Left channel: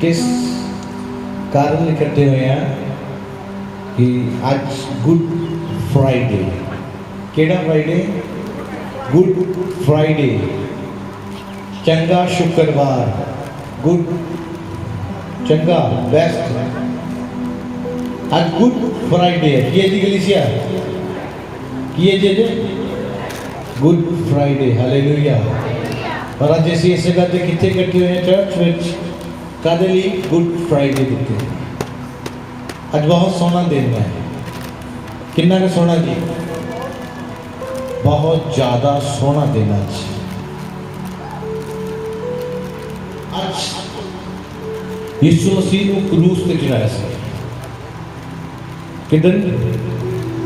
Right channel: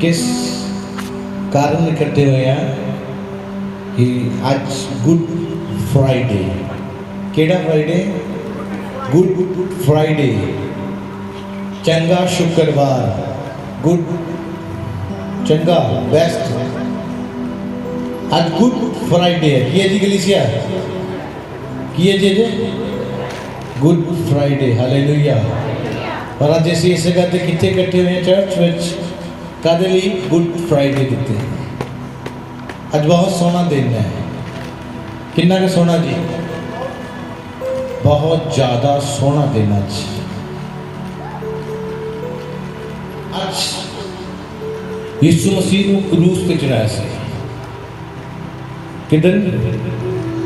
किस कारण इकट्ठे हुए हैं कि आज गुड फ्राइडे, केड़ा फ्राइडे? गुड फ्राइडे, चंगा शुक्रवार, गुड चंगा बेस्ट। आज गुड फ्राइडे है कि जी कलीसिया की है जी गुड फ्राइडे, हालेलुया। और अज असीं इस गल ते कित्थे इकट्ठे हुए हैं चर्च विच कादे लई? गुड फ्राइडे दिते। अज बहुत सोहना दिन है, किन्ना क सोहना जी, बहुत ज़्यादा सोहना दिन अज। अज यीशु मसीह नूं क्रूस ते चढ़ाया सी। किदन?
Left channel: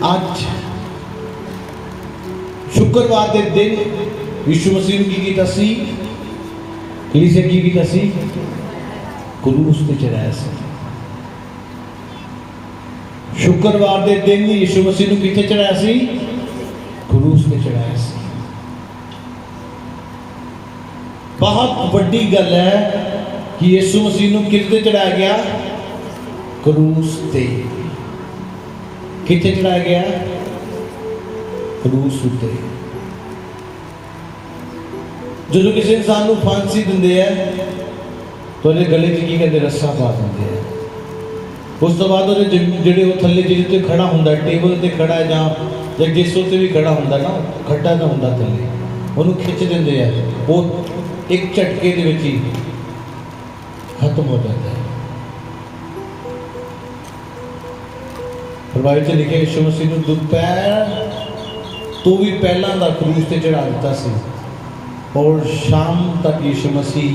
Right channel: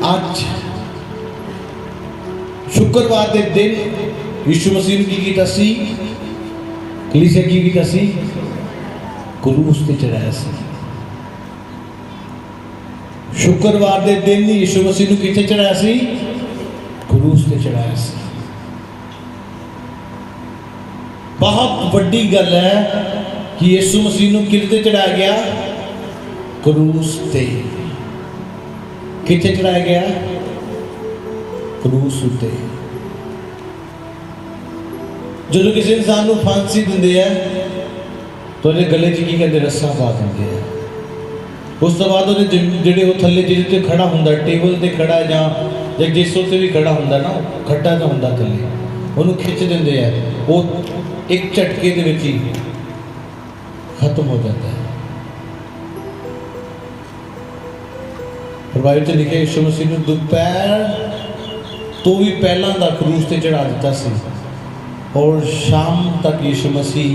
अज शुक्रवार के दिन यीशु मसीह ने की कीता सी? कलीसिया की कीता सी? क्रूस ते चढ़ाया सी। शुक्रवार के दिन यीशु मसीह ने किथे चढ़ाया सी? क्रूस ते चढ़ाया सी। बहुत वड्डी गल है कि यीशु मसीह ने किथे चढ़ाया गया? क्रूस ते। किथे चढ़ाया गया? क्रूस उत्ते। जो किसी इंसान को फांसी देंगे है तो उन्हें गले च की कहते रस्सा पा देंगे है। उस तो बाद जो थले जिसे खड़ा होंगे, टेबल से खड़ा है या जिस उत्ते भी खड़ा होंगे ना, खड्डा तो होंगे थले, उन्होंने खिंच देंगे है, वो एक झटके दे विच ही खत्म हो जाता है। बाइबल च लिखे यीशु मसीह ने दोपहर तो भी पहला दा क्रूस ते चढ़ा दिता सी और शाम तक यीशु मसीह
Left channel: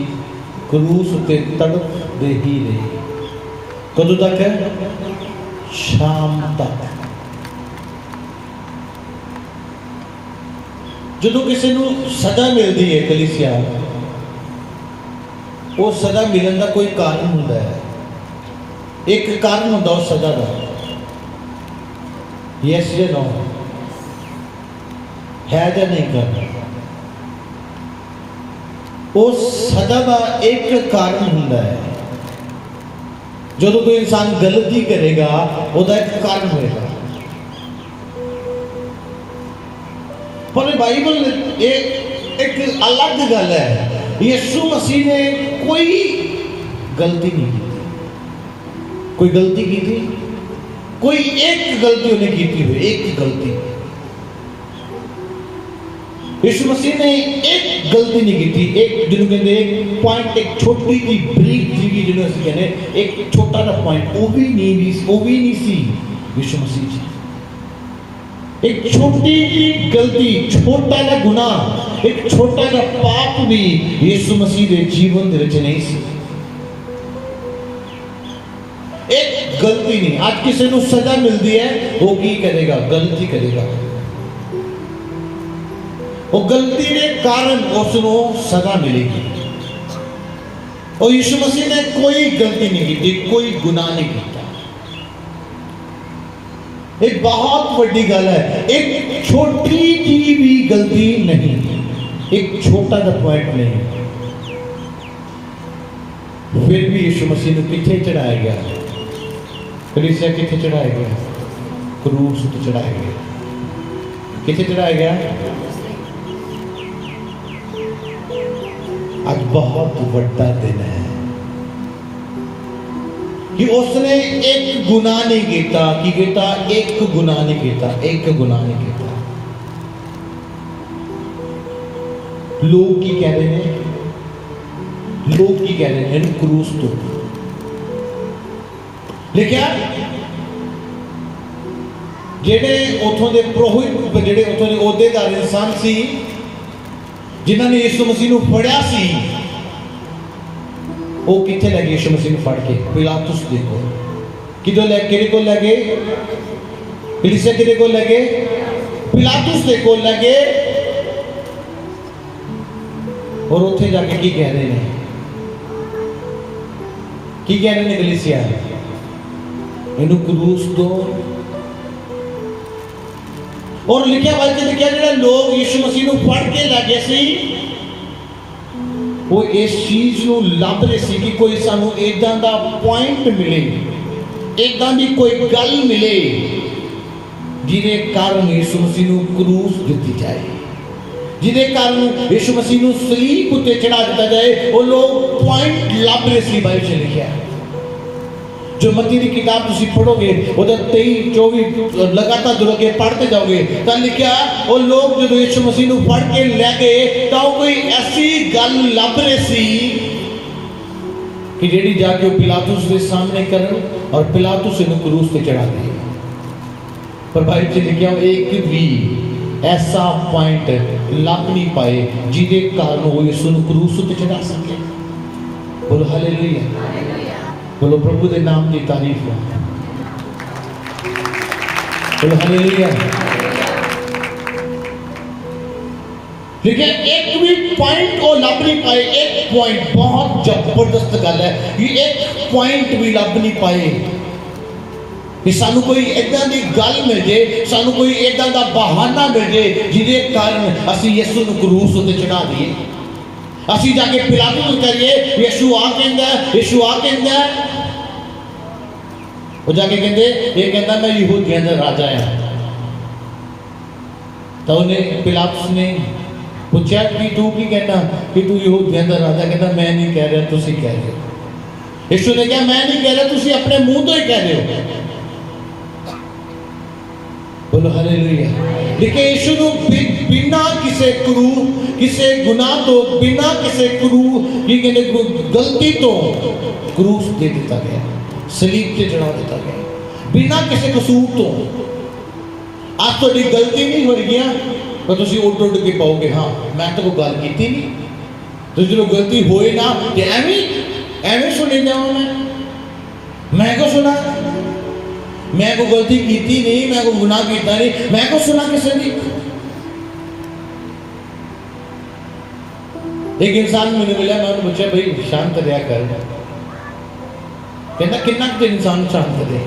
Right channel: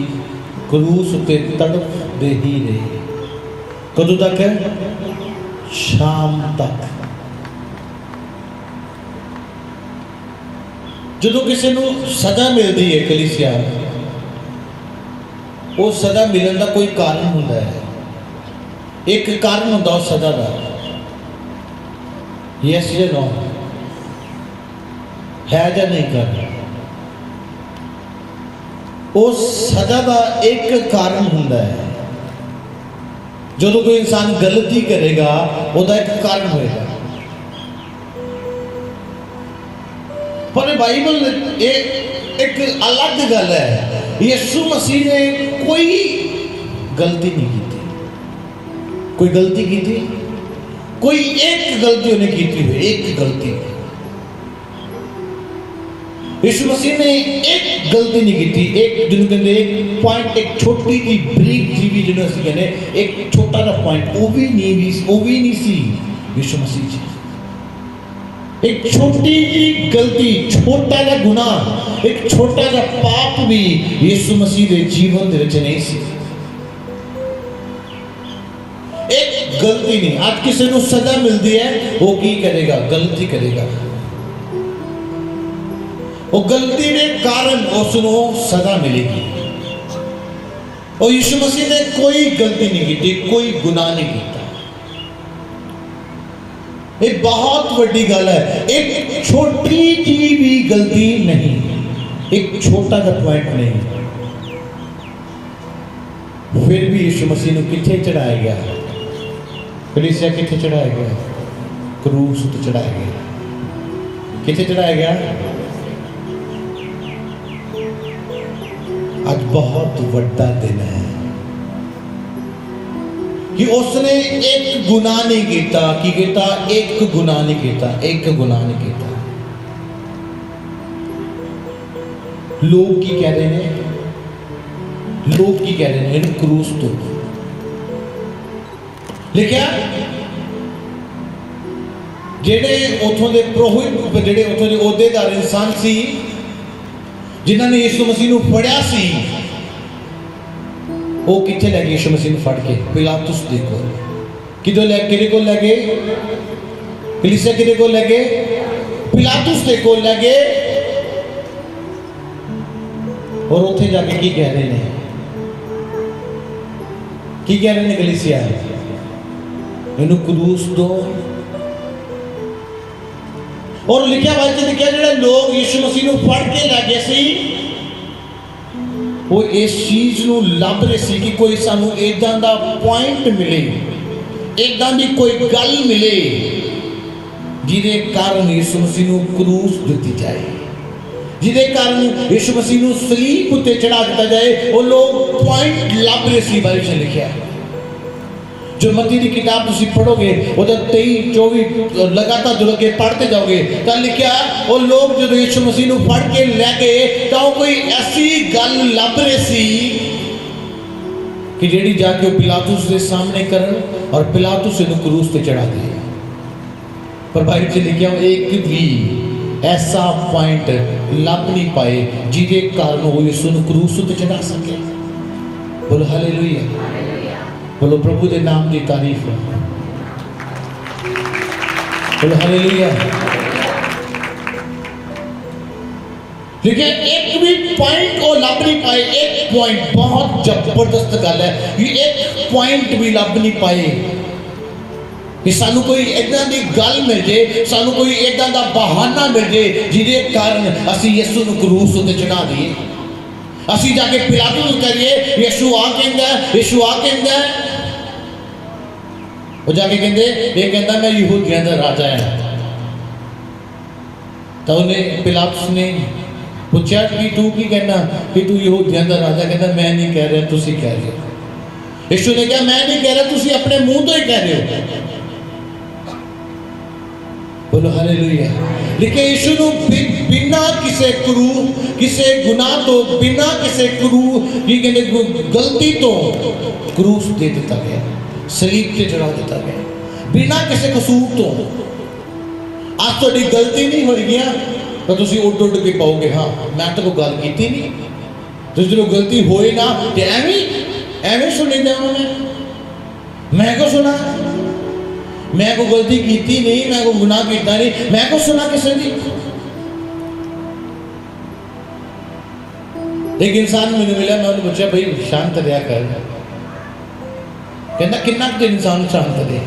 क्रूस उत्ते तड़पदे ही रहे। कदों तक है? शाम तक। जो किसी को सजा मिलती है कलीसिया, वो सजा मिलने का कोई कारण होता है। एक कारण होता उस सजा का, यस या नो, है या नहीं कर। उस सजा का एक कारण होता है। जो कोई इंसान गलती करेगा उसका एक कारण होगा। पर बाइबल एक अलग गल है। यीशु मसीह ने कोई गलती नहीं की थी। कोई गलती की थी? कोई एक गलती उन्हें की थी, एक गलती। यीशु मसीह ने एक गलती नहीं की थी। एक जिन्होंने कहते एक पॉइंट, एक छोटी सी ब्रीक जी जिन्होंने असं कहते एक छोटा सा पॉइंट, वो भी नहीं सी यीशु मसीह जी। एक छोटी सी गलती, छोटा सा गुनाह, एक छोटा सा पाप भी यीशु मसीह के जीवन के विच नहीं सी। एक गलती नहीं। आज किसी को सजा मिलती है, वो की करेगा? गलती करेगा। वो गलती के कारण उसको सजा मिलेगी। और यीशु मसीह ने कोई गलती नहीं की, कोई गुनाह नहीं किया। एक बहुत बड़ी गल है। एक छोटी सी भी गलती नहीं, एक छोटा सा पॉइंट नहीं, फिर भी यीशु मसीह ने किथे चढ़ाया गया? कलीसिया किथे चढ़ाया गया? क्रूस पर चढ़ाया गया। किथे चढ़ाया गया? आज बहुत बड़ा दिन है कि उसने एक गुनाह नहीं किया। की किया? एक गुनाह नहीं किया, एक गुनाह नहीं किया। लोग की कह रहे हैं? लोग की कह रहे हैं? क्रूस तो लिखा जेडे उथों दे पुरोहित, जेडे उथों दे ओहदेदार इंसान सी जिन्होंने यीशु मसीह को फड़िया सी, वो किथे ले गए यीशु मसीह को फड़ के? पिलातुस दे कोल। किदों ले किदे कोल ले गए? कलीसिया किदे कोल ले गए? पिलातुस दे कोल ले गए। और उत्थे जाके की कह रहे हैं? की कह रहे हैं कलीसिया? इन्हू क्रूस दो। और लिखा भाई लिखा जो लोग यीशु मसीह को फड़ के लै गए सी, वो इस चीज़ को लभ रहे सी कि कोई सानू इदां दा पॉइंट मिले, इदां दी कोई गल मिले जिहदे कारण यीशु मसीह नूं क्रूस दित्ती जाए, जिहदे कारण यीशु मसीह नूं सलीब उत्ते चढ़ा दिता जाए। वो लोग पॉइंट लभ रहे सी। बाइबल च लिखिआ जो मत्ती की किताब तुम पढ़ोगे उधर 23-24 लगातार दुलगे पढ़ते जाओगे तो लिखा वो लोग जो यीशु मसीह को फड़ के ले गए तो कोई ऐसी गल लभ रही सी कि जेड़ी जाके पिलातुस के सामने करन और पिलातुस इन्हें क्रूस पे चढ़ा दे। पर बाइबल से लिखा एक भी ऐसा पॉइंट लभ नहीं पाए जिसके कारण वो यीशु को क्रूस पे चढ़ा सके। बोलो हालेलुया, बोलो प्रभु के नाम की तारीफ है, बोलो हालेलुया। देखिए एक भी पॉइंट को लभ नहीं पाए। एक पॉइंट बहुत जबरदस्त गल है कि एक पॉइंट भी लभ नहीं पाए कि सानू कोई इदां दी गल मिल जाए, सानू कोई इदां दा बहाना मिल जाए जिहदे कारण असीं यीशु नूं क्रूस ते चढ़ा दईए। असीं जाके पिलातुस नूं करिए यीशु आ कहंदा, यीशु आ कहंदा, वो जाके कहते ये कहता मैं यहूदियों का राजा है। तो उन्हें पिलातुस ने पूछा कि तू की कहना कि तू यहूदियों का राजा? कहता मैं नहीं कह रहा, तुसी कह रहे हो। यीशु ने कहा मैं नहीं कह रहा, तुसी अपने मुंह तो ही कह रहे हो। बोलो हालेलुया। लेकिन यीशु ने बिना किसी क्रू, किसी गुनाह तो, बिना किसी क्रू की कहते गलती तो क्रूस दे दिता गया, सलीब से चढ़ा दिता गया, बिना किसी कसूर तो। आज थोड़ी गलती नहीं हो गया तो तुम उठ उठ के पाओगे हाँ मैं तो कोई गल की नहीं। तो जो गलती होए ना तो एवं सुने जाऊँ मैं को सुना, मैं को गलती की नहीं, मैं को गुनाह किया नहीं, मैं को सुना किसी ने। एक इंसान मैंने मिला, मैं उन्हें पूछा भाई शांत रहा कर, कहना कितना कुछ इंसान शांत रहे,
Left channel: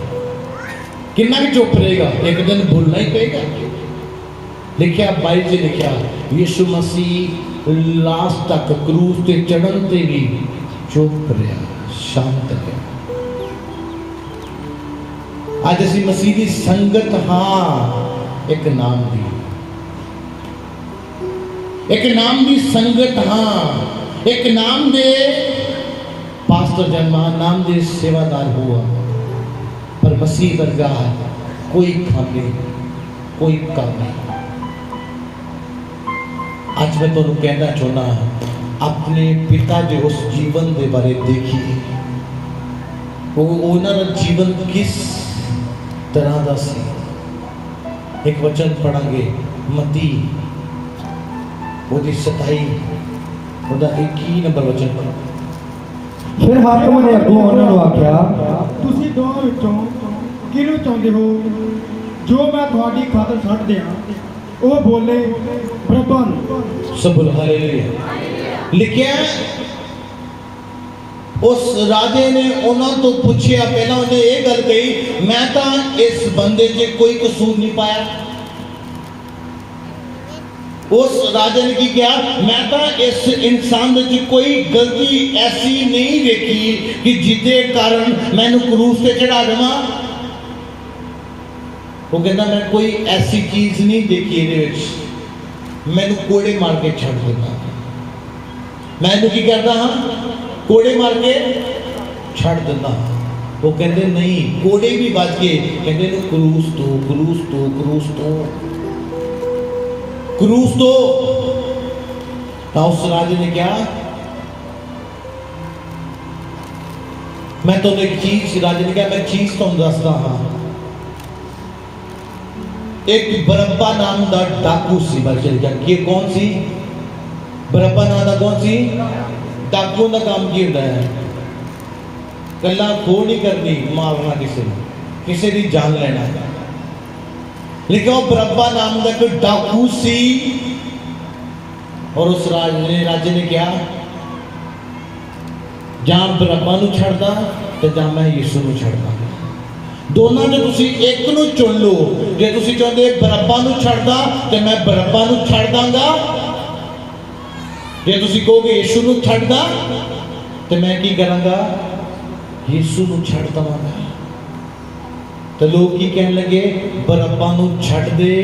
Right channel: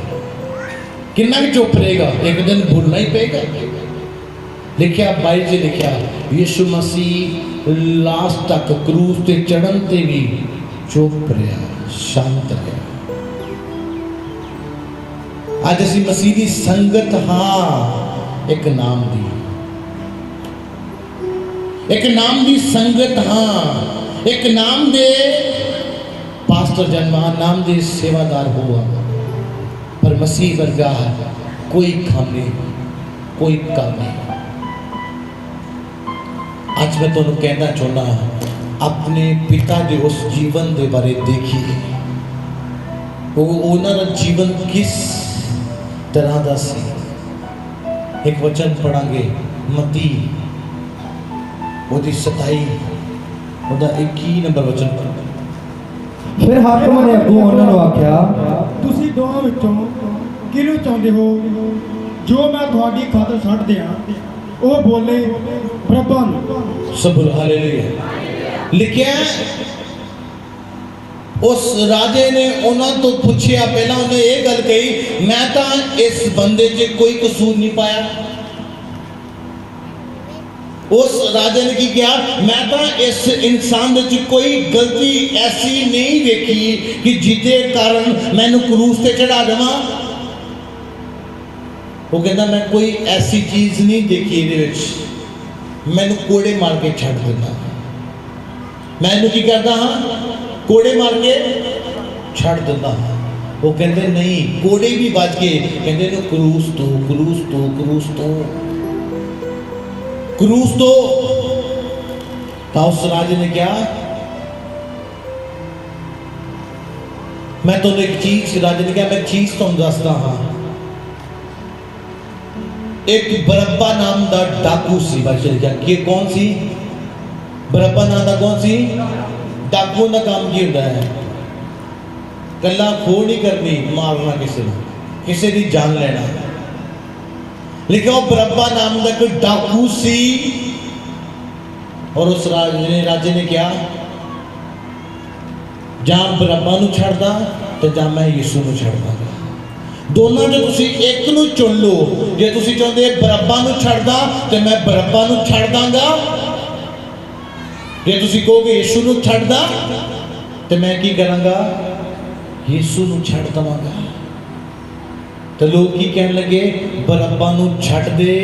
कितना भी चुप रहेगा, एक दिन भूलना ही पेगा। लिखा बाइबल से लिखा यीशु मसीह लास्ट तक क्रूस ते चढ़न ते भी चुप रहा, शांत रहा। आज असी मसीह की संगत हाँ एक नाम दी, एक नाम दी संगत हाँ, एक नाम दे पास्टर जन्मा, नाम दे सेवादार हुआ, पर मसीह वर्गा कोई खामी, कोई कामी। आज मैं तुहानू कहना चाहना अपने पिता के उस जीवन के बारे देखिए, उन्होंने जीवन किस तरह का सी। एक वचन पढ़ांगे मत्ती ओदी 27 ओदा 21 नंबर वचन पढ़ो। फिर हाकिम ने अगों उन्होंने आख्या तुसी दोवां विचों किहनूं चाहुंदे हो जो मैं तुहाडी खातर छड्ड दियां? ਉਹ बोले बरअब्बा नूं। सब हालेलुया। लिखिया उस राजे ने उन्होंने तो पूछया, पहला उन्हें ये गल कही मैं तो इस बंदे से कोई कसूर नहीं पाया। उस राजे ने की किया, मैं तो इस इंसान में कोई गलती ऐसी नहीं देखी कि जिसके कारण मैनू क्रूस पे चढ़ा देवा। वो कहता मैं कोई ऐसी चीज नहीं देखी ये मैनू कोड़े मार के छड़ देता, मैं की करता हाँ कोड़े मार के छड़ देता। वो कहते नहीं कोड़े भी बच के कहते क्रूस तो क्रूस तो क्रूस तो क्रूस तो। उस राजे ने क्या, मैं तो एक चीज, राजे ने क्या मैं चीज तुम दसदा हाँ। एक बरअब्बा नाम का डाकू सी, ये कौन सी? बरअब्बा नाम का कौन सी? डाकू का काम की होता है, कला खो नहीं करनी, मारना किसी की जान लेना। लेकिन बरअब्बा नाम का कोई डाकू सी और उस राजे ने क्या जहां बरअब्बा नूं छड़दा ते जां मैं यीशु नूं छड़दा। दोनों ने तुसी एक नूं चुन लो। जे तुसी चाहते बरअब्बा नूं छड़दा ते मैं बरअब्बा नूं छड़ दांगा, जे तुसी कहोगे यीशु नूं छड्डदा ते मैं की करांगा, यीशु नूं छड्ड दवांगा। तो लोग की कहने लगे, बरअब्बा नूं छड्ड दे,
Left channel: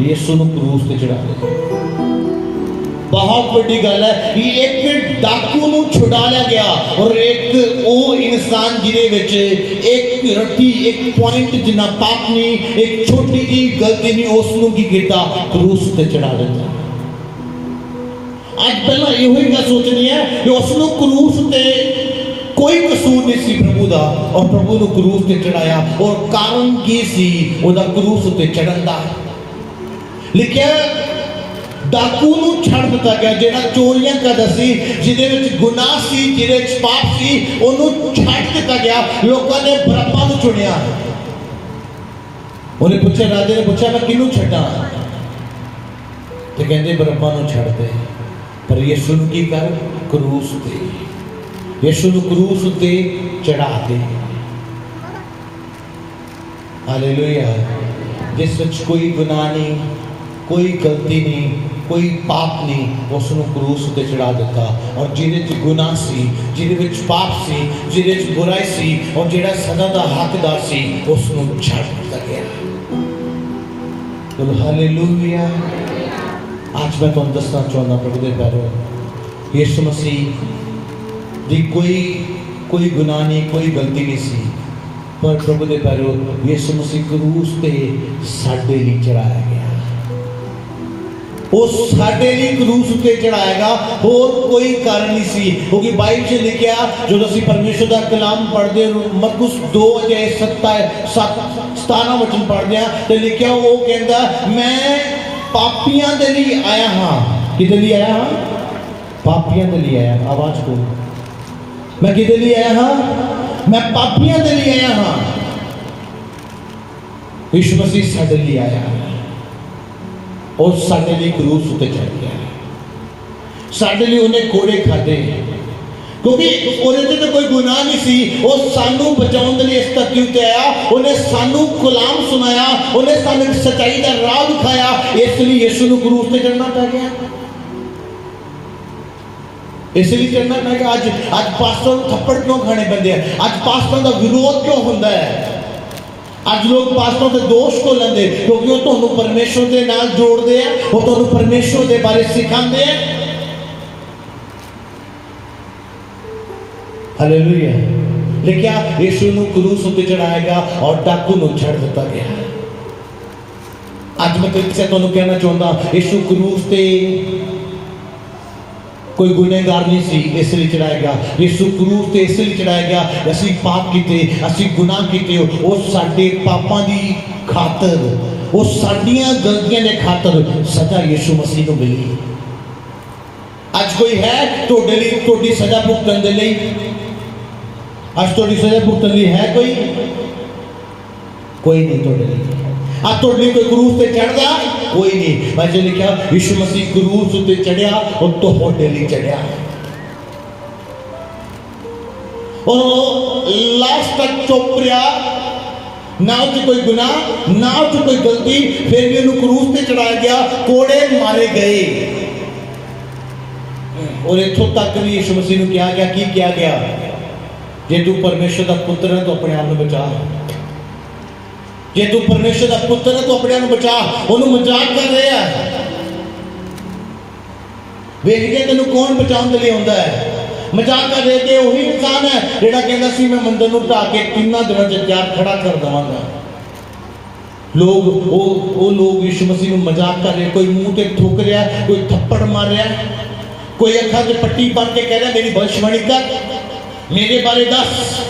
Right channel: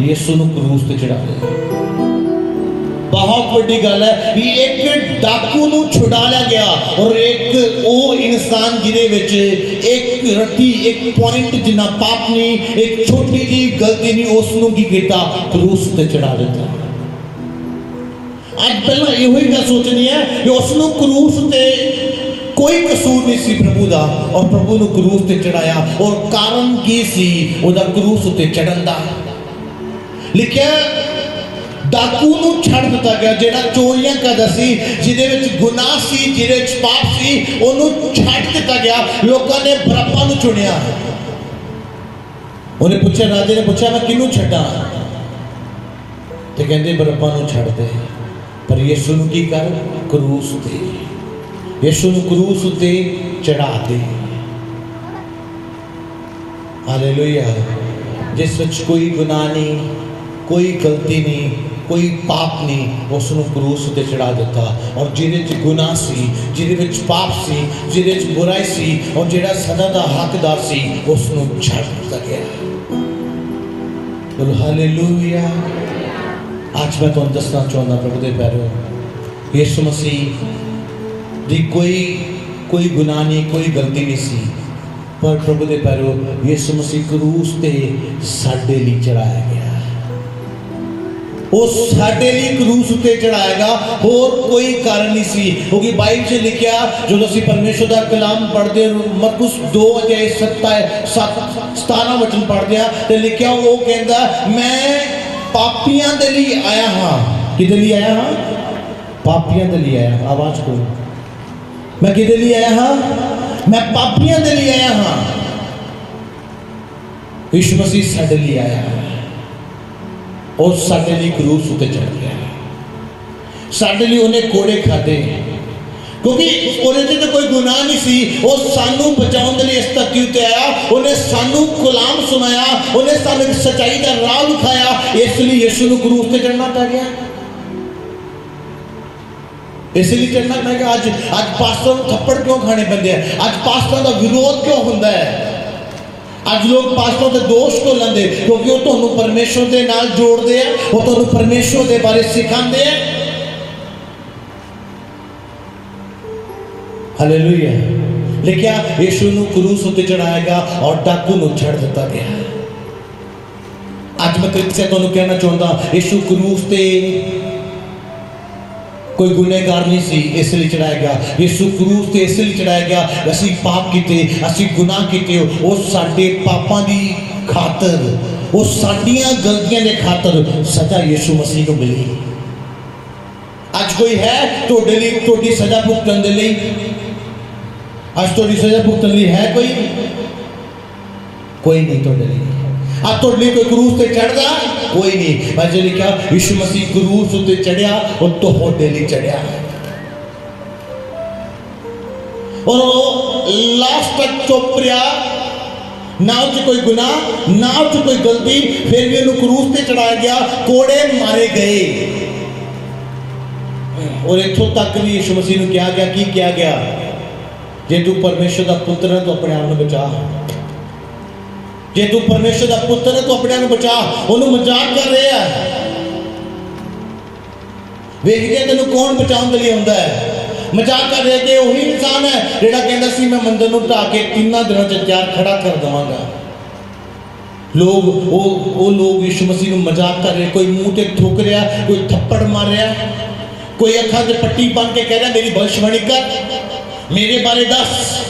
यीशु नूं क्रूस ते चढ़ा दे। बहुत बड़ी गल है कि एक डाकू नूं छुड़ा लिया गया और एक वो इंसान जिहदे विच एक रत्ती एक पॉइंट जिन्ना पाप नहीं, एक छोटी जी गलती नहीं, उसनूं की कीता, क्रूस ते चढ़ा दिता। आज पहला इहो ही गल सोचनी है कि उसनूं क्रूस ते कोई कसूर नहीं सी प्रभु दा, और प्रभु नूं क्रूस ते चढ़ाया। और कारण की सी ओदा क्रूस ते चढ़न दा? लिखिया डाकू नूं छड़ दिता गया, जेड़ा चोरियां करदा सी, जिहदे विच गुनाह सी, जिहदे विच पाप सी, ओनूं छड़ दिता गया। लोकां ने बरअब्बा नूं चुनिया। उन्हें पूछा, राजे ने पूछा, मैं किहनूं छड्डां? ते कहंदे बरअब्बा नूं छड़ दे, पर यीशु नूं की कर, क्रूस ते, यीशु नूं क्रूस ते चढ़ा दे। हालेलुया। जिस विच कोई गुनाह नहीं, कोई गलती नहीं, कोई पाप नहीं, उसनूं क्रूस ते चढ़ा दिता। और जिहदे च गुनाह सी, जिहदे विच पाप सी, जिहदे च बुराई सी, और जिहड़ा सदा दा हकदार सी, उसनूं छड्ड दिता गया। बोलो हालेलुया। आज मैं तुहानूं दसना चाहुंदा प्रभु दे पैरों, यीशु मसीह दी कोई गुनाह नहीं, कोई गलती नहीं सी, पर प्रभु दे पैरों यीशु मसीह क्रूस ते साडे लई चढ़ाया गया। वो साडे लई क्रूस ते चढ़ाएगा, और कोई कारण नहीं सी। क्योंकि बाइबल च लिखिया, जो असीं परमेश्वर दा कलाम पढ़दे मरकुस 2:17 वचन पढ़दे आ, ते लिखिया वो कहंदा, मैं पापियां दे लई आया हां। किदे लई आया हां? पापियां दे लई आया। आवाज को, मैं किदे लई आया हां? मैं पापियां दे लई आया हां। यीशु मसीह साडे लई आया और साडे लई क्रूस उते चढ़ गया। साडे लई उन्हें कोड़े खाधे, क्योंकि उन्हें तो कोई गुनाह नहीं सी। वो सानू बचाने के लिए इस धरती उत्ते आया, उन्हें सानू कलाम सुनाया, उन्हें सानू सच्चाई का राह दिखाया। इसलिए यीशु नूं क्रूस ते चढ़ना पै गया, इसलिए चढ़ना पै गया। आज पास्टर नूं थप्पड़ क्यों खाने पैंदे हैं? आज पास्टर का विरोध क्यों होता है? आज लोग पास्टर के दोष को लेंदे, क्योंकि वो तुहानू परमेश्वर के नाल जोड़ते हैं, वो तुहानू परमेश्वर के बारे सिखाते हैं। हालेलुया। लिखिया यीशु नूं क्रूस उत्ते चढ़ाएगा और डाकू नूं छड़ दिता गया। आज मैं तुझसे तुहानू कहना चाहता, यीशु क्रूस ते कोई गुनहगार नहीं सी, इसलिए चढ़ाया गया। यीशु क्रूस ते इसलिए चढ़ाया गया, असीं पाप कीते, असीं गुनाह कीते, वो साडे पापां दी खातर, वो साडियां गलतियां दे खातर सजा यीशु मसीह नूं मिली। आज कोई है तुहाडे लई तुहाडी सजा भुगतण दे लई? आज तुहाडी सजा भुगतण लई है कोई नहीं तुहाडे लई। अब तुहाडे लई कोई क्रूस ते चढ़दा कोई नहीं। मैं जो लिखा, यीशु मसीह क्रूस उत्ते चढ़िया और तुहाडे लई चढ़िया, और लास्ट तक चुप रहा, ना उसे कोई गुनाह, ना उसे कोई गलती, फिर भी उन्हें क्रूस ते चढ़ाया गया, कोड़े मारे गए। और इत्थों तक भी यीशु मसीह नूं कहा गया, की कहा गया, जे तू परमेश्वर दा पुत्र है तो अपने आप नूं बचा, जे तू परमेश्वर दा पुत्र है तो अपने आप नूं बचा। उन्होंने मजाक कर रहे हैं, वेख के तेनों कौन बचाने के लिए आंदा है? मजाक कर रहे थे वही इंसान है जिहड़ा कहंदा सी मैं मंदिर नूं ढा के 3 दिनों च तैयार खड़ा कर देवांगा। लोग वो लोग यीशु मसीह नूं मजाक कर रहे, कोई मुंह ते ठोक रहा, कोई थप्पड़ मार रहा, कोई अखां ते पट्टी बांध के कह रहा मेरी भविष्यवाणी कर, मेरे बारे दस।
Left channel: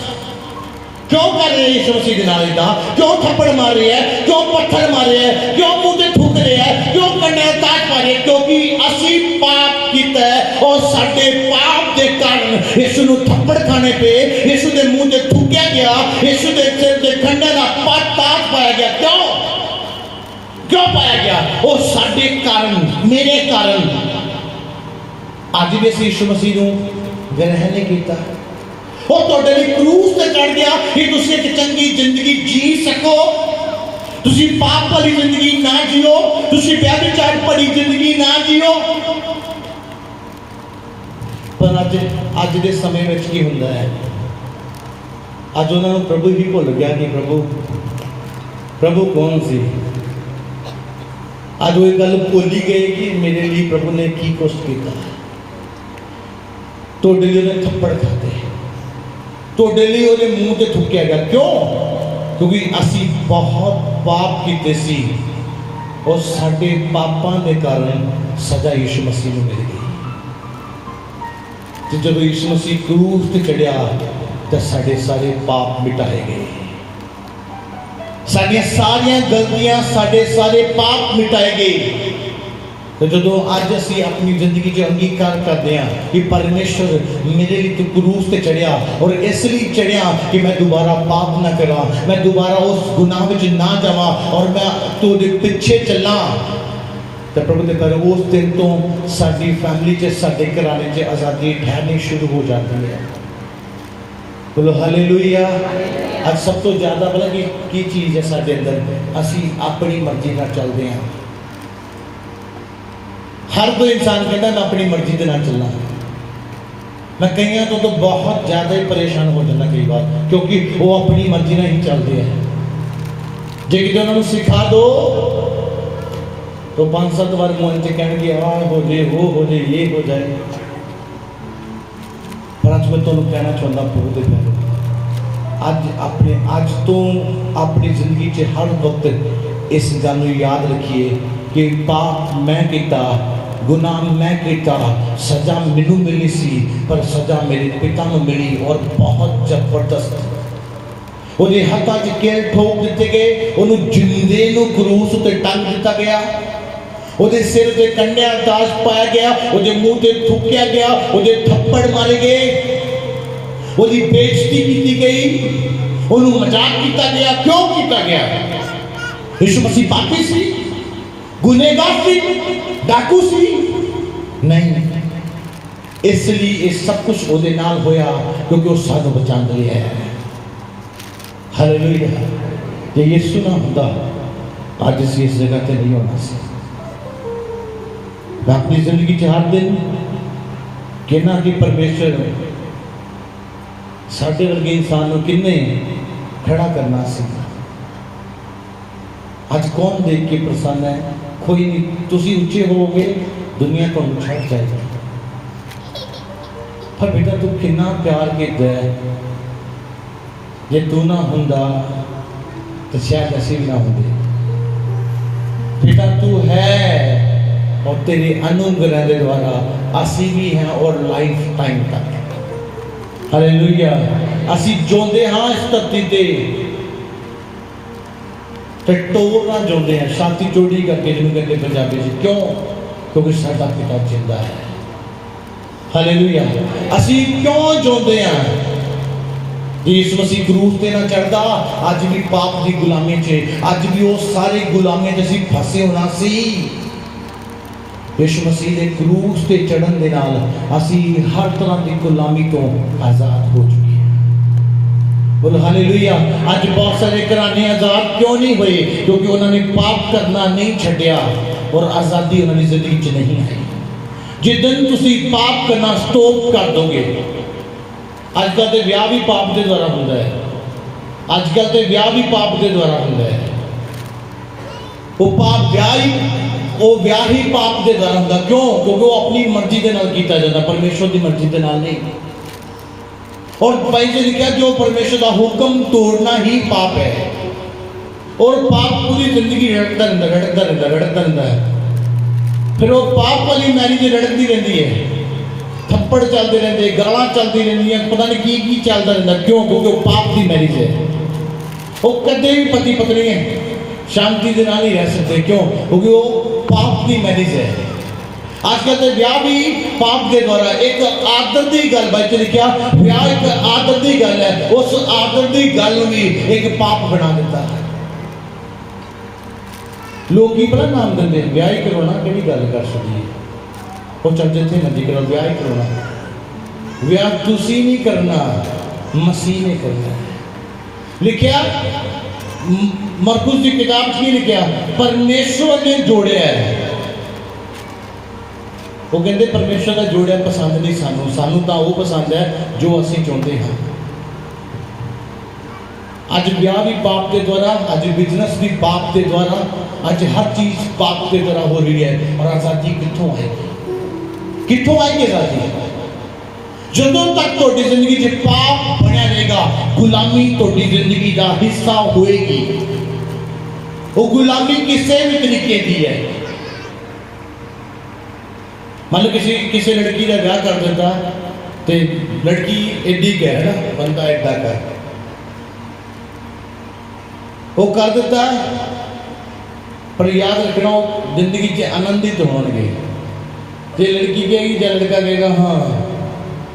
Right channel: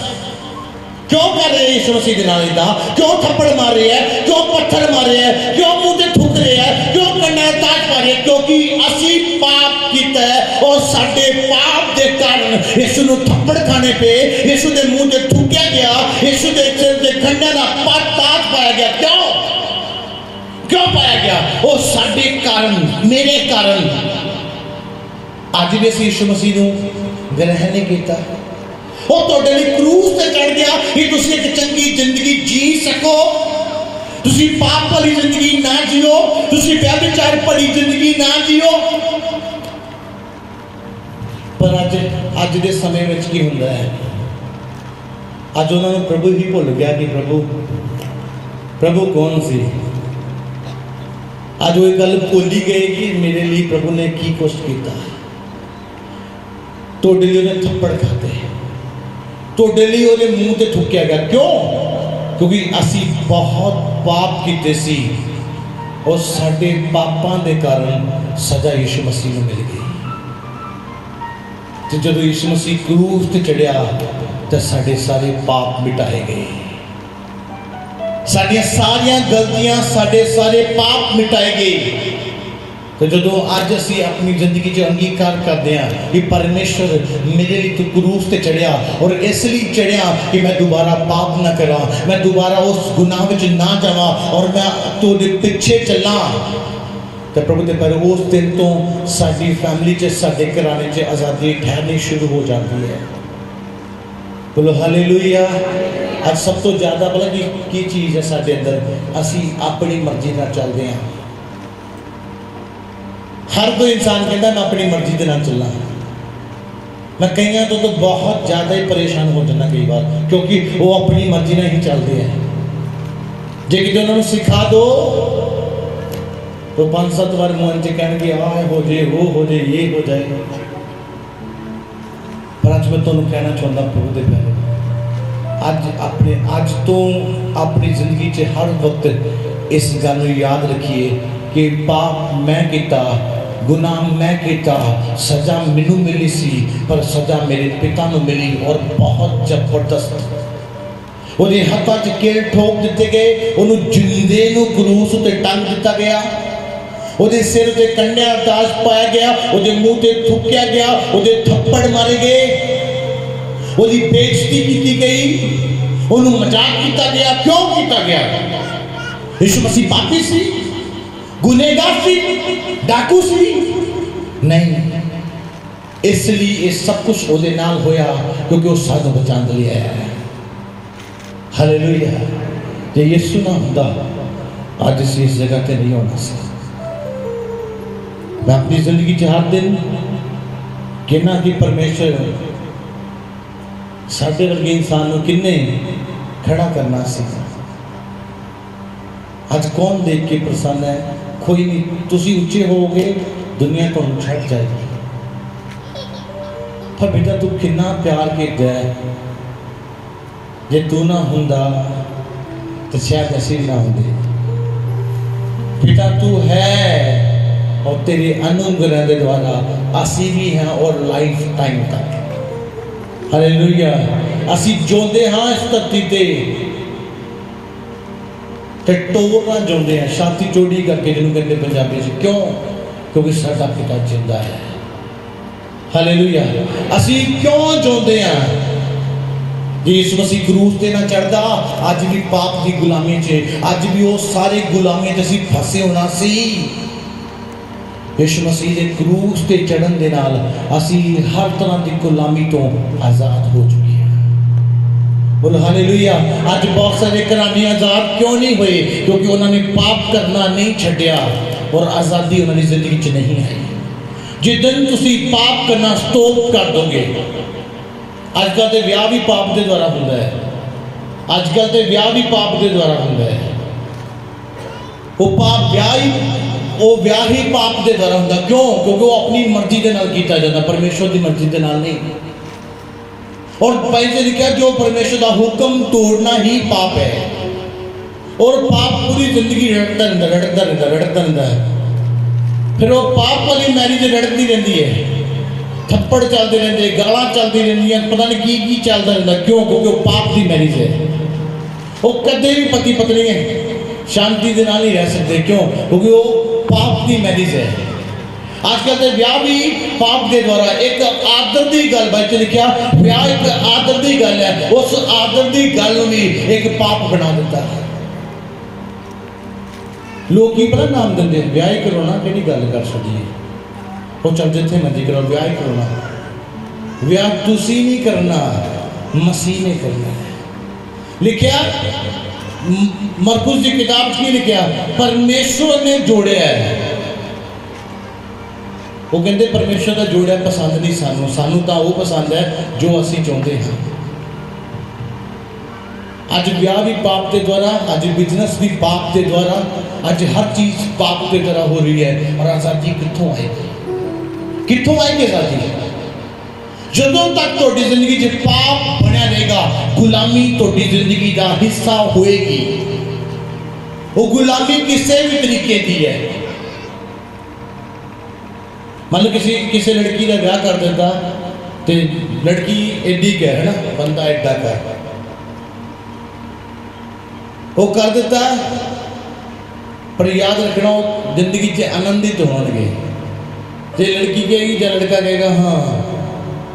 क्यों कर रहे हैं यीशु मसीह दे नाल इदा? क्यों थप्पड़ मार रहे हैं? क्यों पत्थर मार रहे हैं? क्यों मुंह ते थूक रहे हैं? क्यों कन्ने ताज पा रहे हैं? क्योंकि असी पाप कीता है और साडे पाप दे कारण यीशु नूं थप्पड़ खाने पे, यीशु दे मुंह ते थूकिया गया, यीशु दे सिर ते खंडे दा ताज पाया गया। क्यों पाया गया? वो साडे कारण, मेरे कारण। अज भी असीं यीशु मसीह नूं ग्रहण नहीं कीता। वो तुहाडे लई क्रूस ते चढ़ गया कि तुसीं एक चंगी जिंदगी जी सको, तुसीं पाप भरी जिंदगी ना जियो, तुसीं व्यभिचार भरी जिंदगी ना जियो। ਅੱਜ ਦੇ ਸਮੇਂ ਵਿੱਚ ਕੀ ਹੁੰਦਾ ਹੈ, ਅੱਜ ਉਹਨਾਂ ਨੂੰ ਪ੍ਰਭੂ ਹੀ ਭੁੱਲ ਗਿਆ ਕਿ ਪ੍ਰਭੂ ਕੌਣ ਸੀ। ਅੱਜ ਉਹ ਇਹ ਗੱਲ ਭੁੱਲ ਹੀ ਗਏ ਕਿ ਮੇਰੇ ਲਈ ਪ੍ਰਭੂ ਨੇ ਕੀ ਕੁਛ ਕੀਤਾ। ਤੁਹਾਡੇ ਲਈ ਉਹਨੇ ਥੱਪੜ ਖਾਤੇ, ਤੁਹਾਡੇ ਲਈ ਉਹਦੇ ਮੂੰਹ ਤੇ ਥੁੱਕਿਆ ਗਿਆ। ਕਿਉਂ? ਕਿਉਂਕਿ ਅਸੀਂ ਬਹੁਤ ਪਾਪ ਕੀਤੇ ਸੀ और साडे पापां दे कारण सजा यीशु मसीह नूं मिल गई। तो जब यीशु मसीह क्रूस ते चढ़िया तो साडे सारे पाप मिटाए गए, साडियां सारियां गलतियां, साडे सारे पाप मिटाए गए। तो जो अज असी अपनी जिंदगी च अंगीकार करते हैं कि परमेश्वर मेरे लिए तो क्रूस ते चढ़िया और इसलिए चढ़िया कि मैं दोबारा पाप ना करा, मैं दोबारा उस गुनाह में ना जावा और मैं तुहाडे पीछे चला। तो प्रभु के कर उस दिन तो साडी फैमिली च, साडे घराने च आज़ादी ठहरनी शुरू हो जाती है। बोलो हालेलुया। अब सब तो ज़्यादा पता की चीज़ है साडे अंदर, असी अपनी मर्जी नाल चलते हैं। हर कोई इंसान कहता मैं अपनी मर्जी के नाल चलना। मैं कई तो बहुत ज़्यादा ही परेशान हो जाता कई बार, क्योंकि वो अपनी मर्जी नाल ही चलते हैं। जे कि उन्होंने सिखा दो तो 5-7 बार मुँह च कहेंगे आ हो जाए, वो हो जाए, ये हो जाए। पर अज मैं तुहानूं कहना चाहता प्रभु दे प्यारे, अज तो अपनी जिंदगी च हर वक्त इस गल नूं याद रखिए कि पाप मैं किया, गुनाह मैं किया, सजा मैनू मिली सी, पर सजा मेरे पिता नूं मिली और बहुत जबरदस्त। ਉਹਦੇ ਹੱਥਾਂ 'ਚ ਕੇਲ ਠੋਕ ਦਿੱਤੇ ਗਏ, ਉਹਨੂੰ ਜਿੰਦੇ ਨੂੰ ਕਰੂਸ ਉੱਤੇ ਟੰਗ ਦਿੱਤਾ ਗਿਆ, ਉਹਦੇ ਸਿਰ ਤੇ ਕੰਡਿਆਂ ਦਾ ਤਾਜ ਪਾਇਆ ਗਿਆ, ਉਹਦੇ ਮੂੰਹ ਤੇ ਥੁੱਕਿਆ ਗਿਆ, ਉਹਦੇ ਥੱਪੜ ਮਾਰੇ ਗਏ, ਉਹਦੀ ਬੇਇੱਜ਼ਤੀ ਕੀਤੀ ਗਈ, ਉਹਨੂੰ ਮਜ਼ਾਕ ਕੀਤਾ ਗਿਆ। ਕਿਉਂ ਕੀਤਾ ਗਿਆ? यीशु मसीह पापी सी, गुनहगार सी, डाकू सी? नहीं, इसलिए ये सब कुछ ਉਹਦੇ ਨਾਲ ਹੋਇਆ क्योंकि वो सानू बचाने लिए आया है। हालेलुया। जे यीशु ना होता आज असीं इस जगह ते नहीं होना सी। मैं अपनी जिंदगी च हर दिन कहना कि परमेश्वर साडे वर्गे इंसान नूं किन्ने खड़ा करना सी। आज कौन देख के प्रसन्न है? कोई नहीं। तुसी ऊंचे होगे, दुनिया तो छट जाएगी। पर बेटा तू कितना प्यार किया है, जे तू ना हुंदा तो शायद असी भी ना होंगे। बेटा तू है और तेरे अनुग्रह के द्वारा असी भी हैं और लाइफ टाइम तक। हालेलुया। असी जोंदे हाँ इस धरती ते टोरना जोंदे हैं, शांति चोड़ी करके जिन्होंने कहते पंजाबी से। क्यों? क्योंकि साडा पिता जिंदा है। हालेलुया। असी क्यों जोंदे हैं? यीशु मसीह क्रूस ते ना चढ़दा अज भी पाप की गुलामी च, अज भी वो सारी गुलामी च असी फसे होना सी। यीशु मसीह के क्रूस ते चढ़न दे नाल असी हर तरह की गुलामी तो आजाद हो चुके। बोलो हालेलुया। आज बहुत सारे घराने आजाद क्यों नहीं हुए? क्योंकि उन्होंने पाप करना नहीं छड्या और आज़ादी उन्होंने जिंदगी च नहीं आई। जिस दिन तुसी पाप करना स्टॉप कर दोगे, अजकल तो विआह भी पाप के द्वारा होता है, अजकल तो विआह भी पाप के द्वारा होता है। वो पाप विआह ही पाप के द्वारा होता। क्यों? क्योंकि वो अपनी मर्जी के नाल कीता जाता, परमेश्वर की मर्जी के नाल नहीं। और पहले लिखा जो परमेश्वर का हुक्म तोड़ना ही पाप है। और पाप पूरी जिंदगी रटता रहता है। फिर वो पाप वाली मैरिज रटती रहती है, थप्पड़ चलते रहते, गालां चलती रहती, पता नहीं की चलता रहता। क्यों? क्योंकि वो पाप की मैरिज है। वो कदे भी पति पत्नी शांति के नाल ही रह सकते। क्यों? क्योंकि वो पाप की मैरिज है। आजकल तो विआह भी पाप के द्वारा, एक आदर की गल बच लिखा, विआह एक आदर की गल है, उस आदर की गल भी एक पाप बना देता है। लोग की पता नाम देंगे विआह ही करवाना, कि गल कर सकती है वो चल जिथे मर्जी करो, विआह ही करवाना। विआह तुसी नहीं करना, मसीह ने करना है। लिखा मरकुस की किताब की लिखा, परमेश्वर ने जोड़े है। वो कहते परमेश्वर का जोड़ा पसंद नहीं सानू, सानू तो वो पसंद है जो असी चाहते हाँ। अज ब्याह भी पाप के द्वारा, अज बिजनेस भी पाप के द्वारा, अज हर चीज पाप के द्वारा हो रही है। और आजादी कितों आएगी, कितों आएगी आजादी? जदों तक तुहाडी जिंदगी च पाप बनिया रहेगा, गुलामी तुहाडी जिंदगी का हिस्सा होएगी। वो गुलामी किसी भी तरीके की है। मान लो किसी लड़की का ब्याह कर देता तो लड़की एडी कह है ना, बंदा एडा कर वो कर देता, पर याद रखना जिंदगी से आनंदित होंगे। जो लड़की कहेगी या लड़का कहेगा हाँ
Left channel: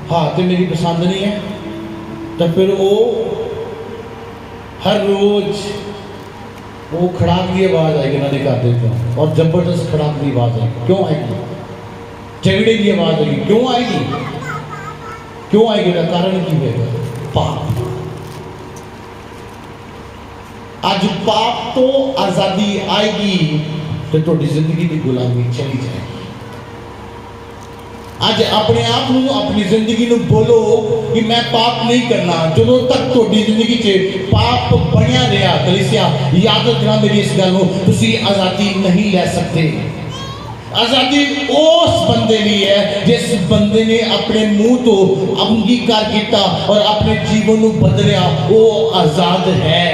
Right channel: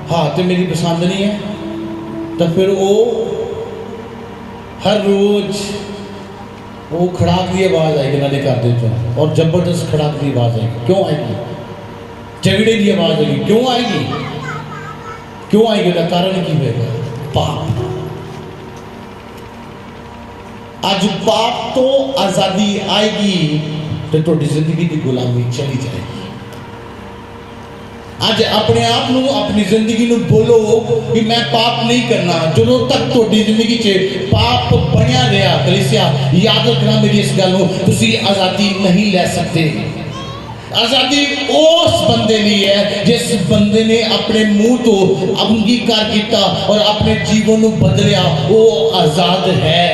हाँ तो मेरी पसंद नहीं है, तो फिर वो हर रोज वो खड़ाक की आवाज आएगी ना घर दे, और जबरदस्त खड़ाक की आवाज आएगी। क्यों आएगी? झगड़े की आवाज आएगी। क्यों आएगी? क्यों आएगी? उसका कारण की होगा? पाप। आज पाप तो आजादी आएगी तो थोड़ी जिंदगी की गुलामी चली जाएगी। आज अपने आप को अपनी जिंदगी में बोलो कि मैं पाप नहीं करना। जो तक थोड़ी जिंदगी से पाप बनया रहा, कलीसिया याद रखना मेरी इस गल को, तुसी आजादी नहीं ले सकते। आजादी उस बंदे नहीं है जिस बंदे ने अपने मुंह तो अंगीकार किया और अपने जीवन को बदलिया, वो आजाद है।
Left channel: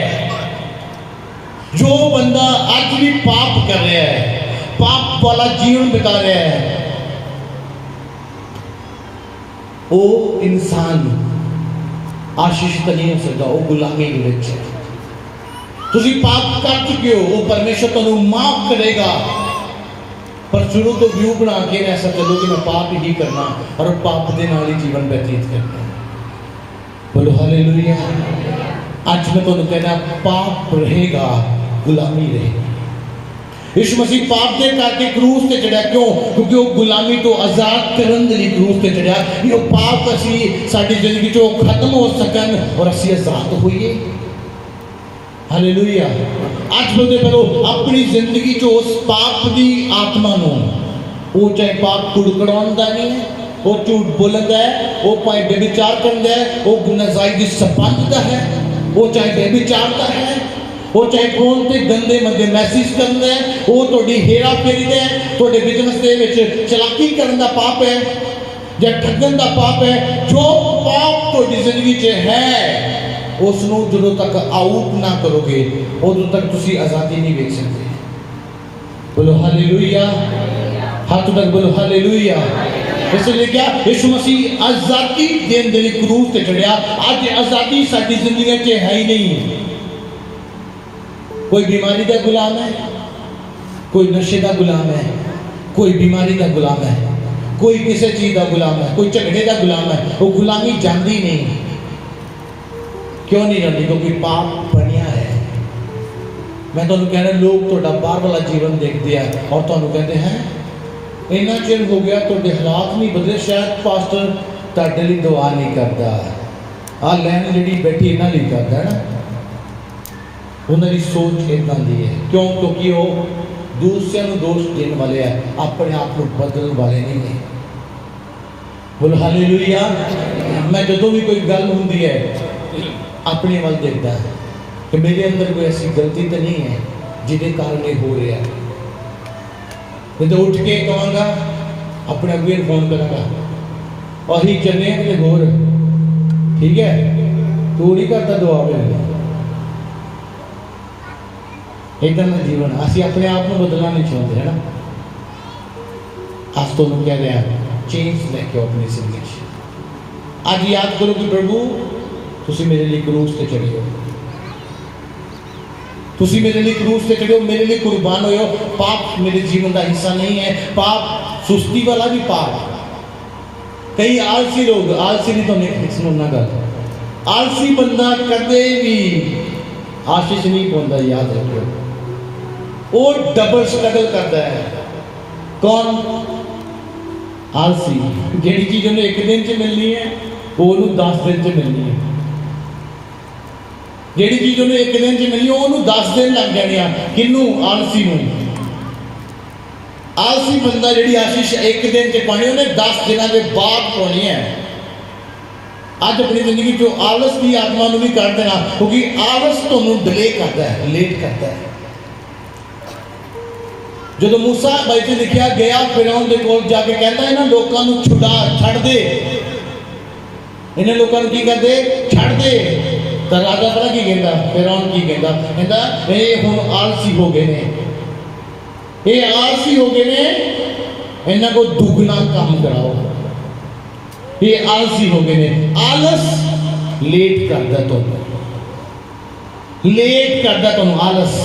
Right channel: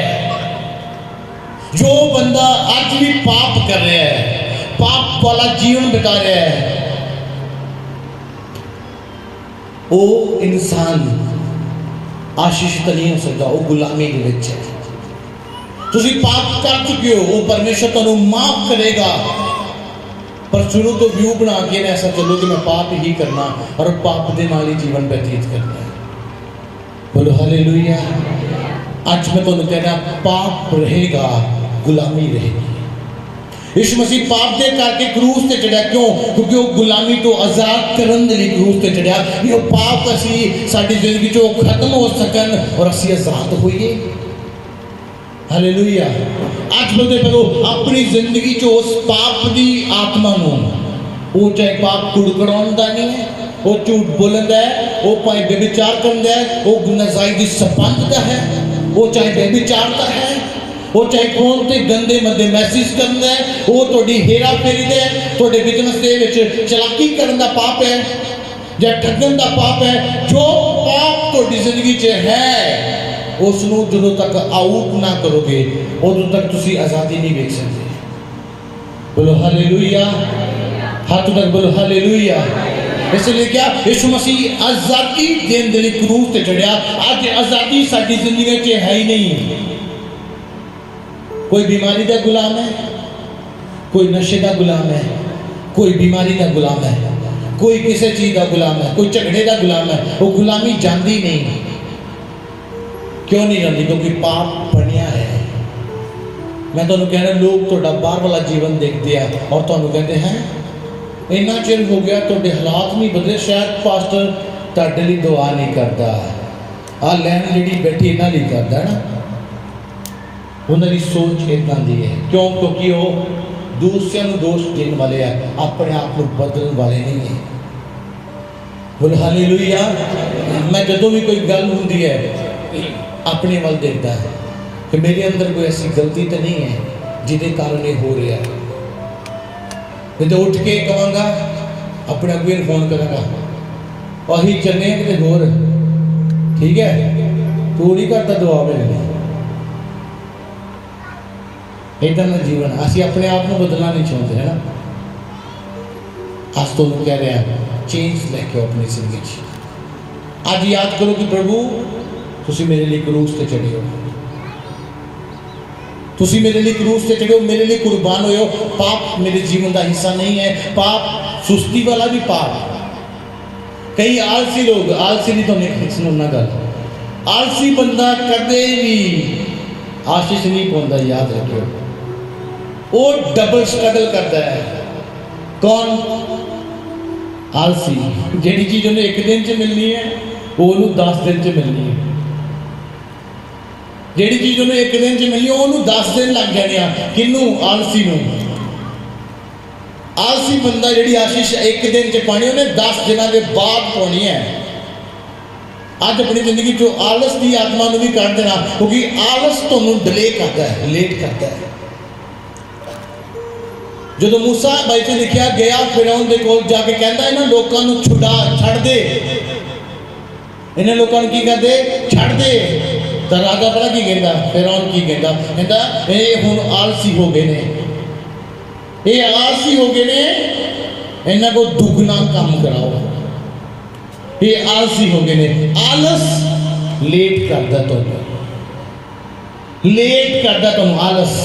जो बंदा आज भी पाप कर रहा है, पाप वाला जीवन बिता रहा है, वो इंसान आशीष नहीं हो सकता, वो गुलामी के विच है। तुसी पाप कर चुके हो, वो परमेश्वर तुहानू माफ करेगा, पर शुरू तो व्यू बना के ऐसा चलो कि मैं पाप ही करना और पाप के नाल ही जीवन व्यतीत करना। बोलो हालेलुया। आज मैं तुहानू कहना, पाप रहेगा, गुलामी रहेगी। यीशु मसीह पाप दे करके क्रूस ते चढ़िया। क्यों? क्योंकि वो गुलामी तो आजाद करन दे लई क्रूस ते चढ़िया कि वो पाप असी साडी जिंदगी चों खत्म हो सकन और असी आजाद होइए। हालेलुया। आज बोलते पढ़ो अपनी जिंदगी चो उस पाप दी आत्मा नो, वो चाहे पाप कुड़कड़ाउंदा नहीं है, वो झूठ बोलदा है, वो भाई व्यभिचार करदा है, वो नाजायज संबंध दा है, वो चाहे व्यभिचारदा है, वो चाहे फोन ते गंदे मंदे मैसेज करदा है, वो थोड़ी हेरा फेरी दे है, थोड़े बिजनेस दे विच चलाकी करन दा पाप है या ठगन दा पाप है। जो पाप थोड़ी जिंदगी च है उसनों जो तक आउट ना करोगे उदों तक तुसी आजादी नहीं देख सकते। बोलो हालेलुया। हाथ तक बोलो हालेलुया। इसलिए क्या यीशु मसीह आजादी देने के लिए क्रूस ते चढ़िया। आज आजादी साडी जिंदगी च है ही नहीं। कोई बीमारी का गुलाम है, कोई नशे का गुलाम है, कोई बीमारी का गुलाम है, कोई किसी चीज का गुलाम है, कोई झगड़े का गुलाम है। वो गुलामी जाती नहीं। क्यों नहीं जाती? क्योंकि पाप बनिया है। मैं तुहानू कह रहा, लोग तुहाडा बाहर वाला जीवन देखते हैं और तुहानू कहते हैं इन्ना चिर हो गया तुहाडे हालात नहीं बदले, शायद पास्टर तुहाडे लई दुआ नहीं करता। आ लैन जिहड़ी बैठी इन्हां लई करदा है ना, उन्होंने सोच इदां दी है। क्यों? क्योंकि वो दूसरों को दोष देने वाले हैं, अपने आप को बदलने वाले नहीं है। बोलो हालेलुया। मैं जदों भी कोई गल हुंदी है अपने वाल देखता है कि मेरे अंदर कोई ऐसी गलती तो नहीं है जिसके कारण ये हो रहा है। मैं तो उठ के कहूँगा, अपने अगुए फोन करांगा, और ही चलने कि होर ठीक है, तू नहीं करता दुआ मिलनी। इधर ना जीवन असी अपने आप को बदलना नहीं चाहते है ना। आज तो कह रहे हैं चेंज लेके अपनी जिंदगी। आज याद करो कि प्रभु तुसी मेरे लिए क्रूस ते चढ़े हो, तुसी मेरे लिए क्रूस ते चढ़े हो, मेरे लिए कुर्बान हुए हो। पाप मेरे जीवन का हिस्सा नहीं है। पाप सुस्ती वाला भी पाप। कई आलसी लोग, आलसी नहीं तो सुनना गल, आलसी बंदा कदे भी आशीष नहीं पाता। याद रखियो, वो डबल स्ट्रगल करता है। कौन? आलसी। जिहड़ी चीज उन्हें एक दिन च मिलनी है वो 10 दिन च मिलनी है। जिहड़ी चीज उन्हें एक दिन च मिलनी है 10 दिन लग जाने। किनू? आलसी नूं। आलसी बंदा जी आशीष एक दिन च पानी उन्हें 10 दिनों के बाद पानी है। अज अपनी जिंदगी चो आलस की आत्मा भी कर देना, क्योंकि आलस तुहानू डिले करता है, लेट करता है। जो मूसा बाइबल च लिखा गया फिरौन दे कोल जाके कहता इन्हां लोकां नू छुड़ा छड़ दे, इन्हां लोकां नू की कर दे, छड़ दे। तो राजा पता की कहता, फिरौन की कहता ये हुण आलसी हो गए ने, ये आलसी हो गए ने, इन्हां को दुगना काम कराओ। ये आलसी हो गए ने। आलस लेट करदा तुहानू, लेट करदा तुहानू आलस।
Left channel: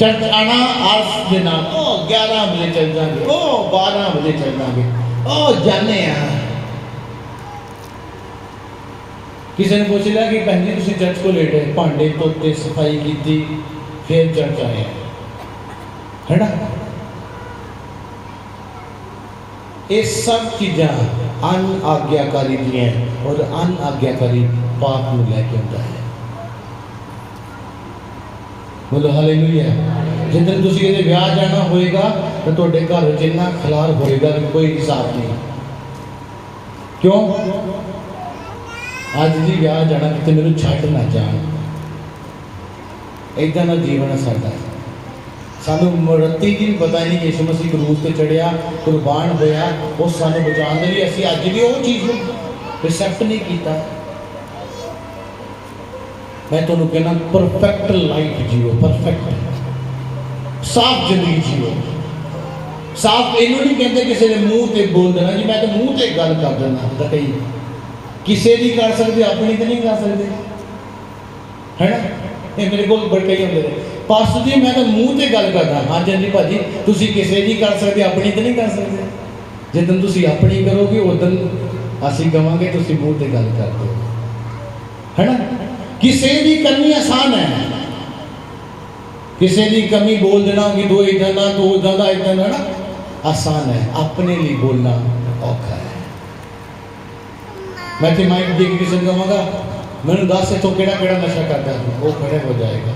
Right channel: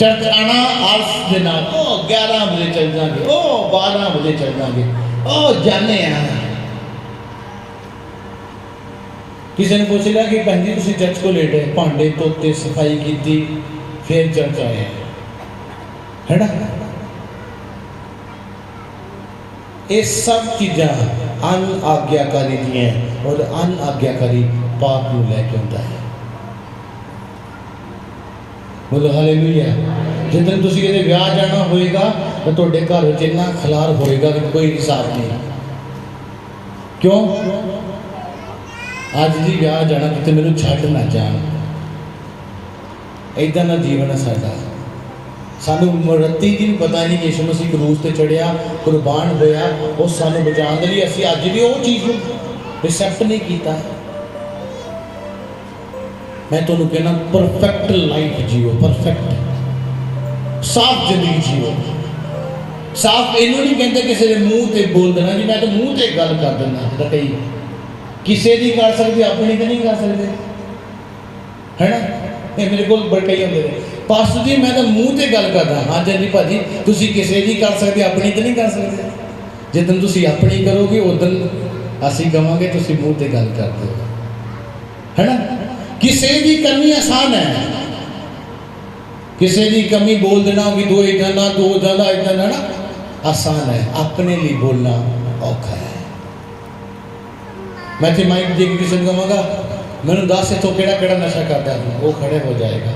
चर्च आना आलस के नाल, ओ 11 बजे चल जाएंगे, ओ 12 बजे चल जाएंगे, ओ जाने किसी ने पूछ लिया कि भैन जी तुसीं चर्च को लेट है, भांडे धोते सफाई की फिर चर्च आए है ना। ये सब चीज़ां अन आज्ञाकारी दी हैं और अन आज्ञाकारी पाप को लैके आता है। बोलो हालेलुया। जिस तुसीं किते विआह जाना होएगा तो तुहाडे घर च इन्ना खलार होएगा कि कोई हिसाब नहीं। क्यों? अज जी विआह जाना किते मैनूं छड्ड ना जाण, इदां दा जीवन है साडा। सानू मरती की भी पता नहीं यीशु मसीह क्रूस ते चढ़िया, कुर्बान होया, वो सानू बचाने के लिए असीं अज भी वो चीज़ रिसेप्ट नहीं किया। मैं तुहानू कहना परफेक्ट लाइफ जियो, परफेक्ट साफ जिंदगी जियो। साफ इनू नहीं कहते किसी ने मूँह से बोल देना जी मैं तो मूँह से गल कर देना, तो कई किसी की कर सकते, अपनी तो नहीं कर सकते, है ना। ये मेरे को बड़े कई होंगे पास्टर जी मैं तो मूँह से गल करदा। हाँ जी भाजी तुसीं किसी की कर सकते, अपनी तो नहीं कर सकते। जिदन तुसीं अपनी करोगे उदन असीं कहांगे तुसीं मूँह से गल कर दो, है ना। किसी की करनी आसान है, किसी की कमी बोल देना कि दो इतना इतना ना आसान है, अपने लिए बोलना औखा है। मैं तो माइक देख किसी को कहूँगा मैंने दस इतों केड़ा नशा करता है, वो खड़े हो जाएगा।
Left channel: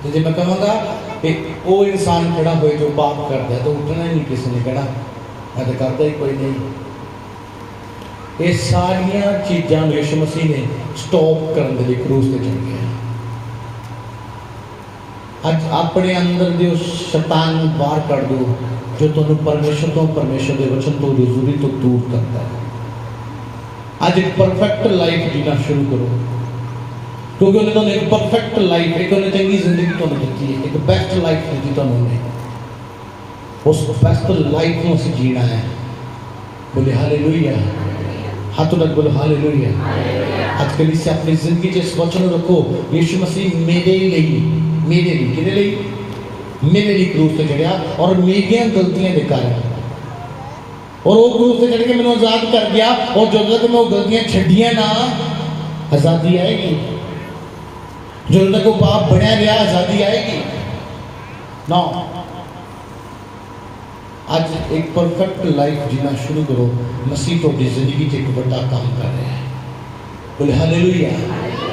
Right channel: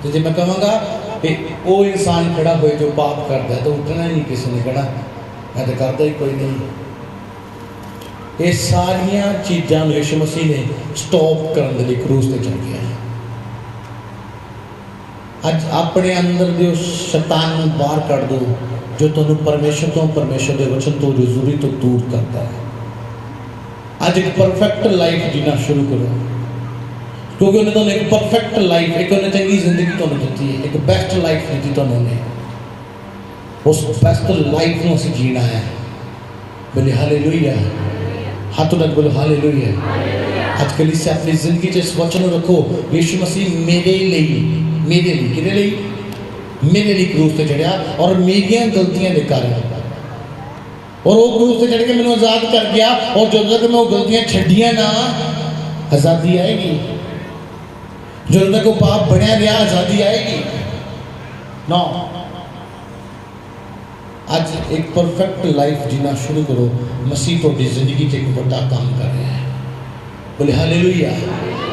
तो जो मैं कहूँगा कि वो इंसान खड़ा हो जो पाप करता है तो उठना नहीं किसी ने कहना, मैं तो करता ही कोई नहीं। ये सारिया चीज़ां यीशु मसीह ने स्टॉप करने के लिए क्रूस पर चढ़ गया। अज अपने अंदर जो शैतान बाहर कर दो जो तुहानू परमेश्वर के वचन तो रजूरी तो दूर करता है। आज एक परफेक्ट लाइफ जीना शुरू करो, क्योंकि उन्हें तुहानू एक परफेक्ट लाइफ, एक उन्हें चंगी जिंदगी तुहानू दी है, एक बेस्ट लाइफ दी तुहानू ने। उस बेस्ट लाइफ को असीं जीना है। बोले हालेलुया, हाथों तक बोलो हालेलुया। आज कल इससे अपनी जिंदगी इस वचन रखो, यीशु मसीह मेरे लिए क्रूस पे चढ़िया और मेरिया गलतियां के कारण, और वो क्रूस पे चढ़ के मैंने आजाद कर गया। और जो तक मैं वो गलतियां छड्डियां ना आजादी आएगी, जो तक वो पाप बनया रहा आजादी आएगी ना। आज एक परफेक्ट लाइफ जीना शुरू करो। मसीह तो जिंदगी एक बड़ा काम कर रहा है। बोले हालेलुया।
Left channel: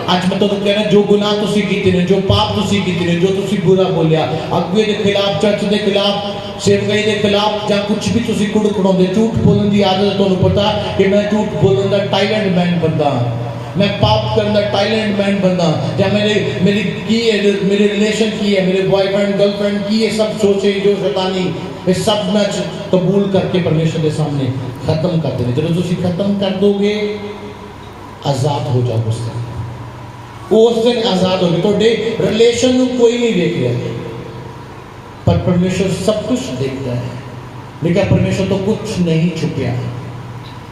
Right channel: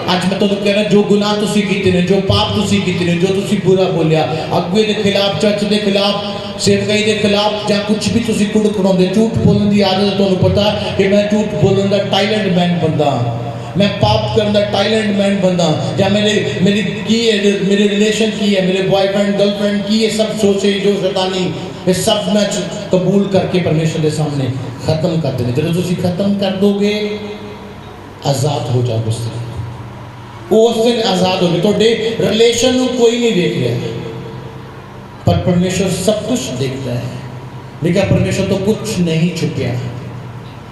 आज मैं तुहानू कहना जो गुनाह तुसीं कीते ने, जो पाप तुसीं कीते ने, जो तुसीं बुरा बोलिया अगुए के खिलाफ, चर्च के खिलाफ, सेवकाई के खिलाफ, या कुछ भी तुसीं कुड़ कुड़ाउंदे, झूठ बोलने की आदत तुहानू पता कि मैं झूठ बोलने का टाइलेंट मैन बंदा, मैं पाप करने का टाइलेंट मैन बंदा, या मेरी की है, मेरे रिलेशन की है, मेरे बॉयफ्रेंड गर्लफ्रेंड की ये सब सोचे जो शैतानी, ये सब मैं कबूल करके परमेश्वर के सामने खत्म कर देने। जो तुसीं खत्म कर दोगे आजाद हो जाओगे। उस दिन आजाद हो गए। थोड़े रिलेशन कोई नहीं देख रहा, पर परमेश्वर सब कुछ देखता है। लेकिन परमेश्वर तो कुछ नहीं छुपया।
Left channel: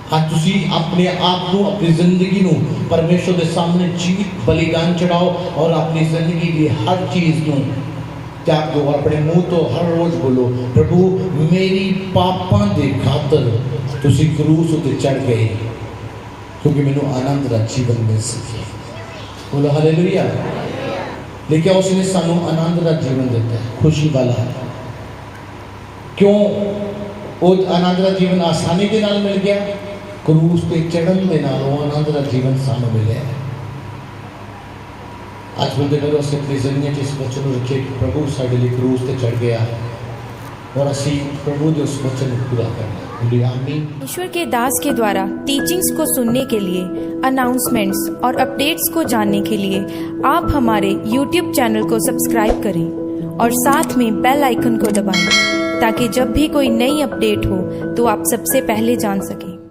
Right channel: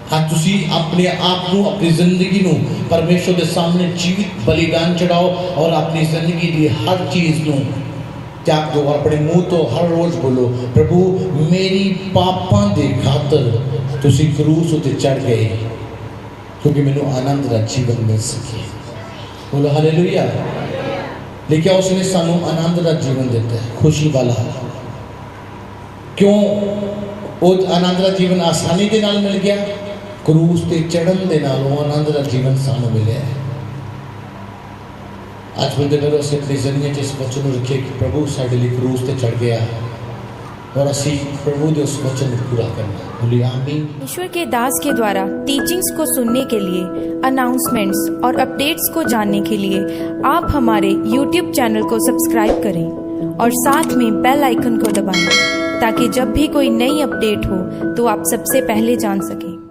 हाँ तुसी अपने आप को, अपनी जिंदगी को परमेश्वर के सामने जीवित बलिदान चढ़ाओ और अपनी जिंदगी की हर चीज को त्याग दो। अपने मुंह तो हर रोज बोलो, प्रभु मेरी पापां दे खातर तुसी क्रूस उत्ते चढ़ गए, क्योंकि मैनू आनंद दा जीवन मिल सके। बोलो हालेलुया। लेकिन उसने सानू आनंद का जीवन देता है, खुशी वाला। क्यों वो आनंद का जीवन आसानी के नाल मिल गया? क्रूस ते चढ़न दे नाल वो आनंद का जीवन सानू मिले है। आज बंदे करो अपनी जिंदगी इस वचन रखे कि प्रभु साडे लिए क्रूस ते चढ़ गया, और असी प्रभु के उस वचन को पूरा करना। बोलिए आमीन। ईश्वर के दास के द्वारा टीचिंग्स को सुनने के लिए, अनाउंसमेंट्स और अपडेट्स को जानने के लिए आप हमारे YouTube चैनल को सब्सक्राइब करें और साथ में बेल आइकन को दबाएं, ताकि जब भी कोई नई अपडेट हो तो आप सबसे पहले जान सकें।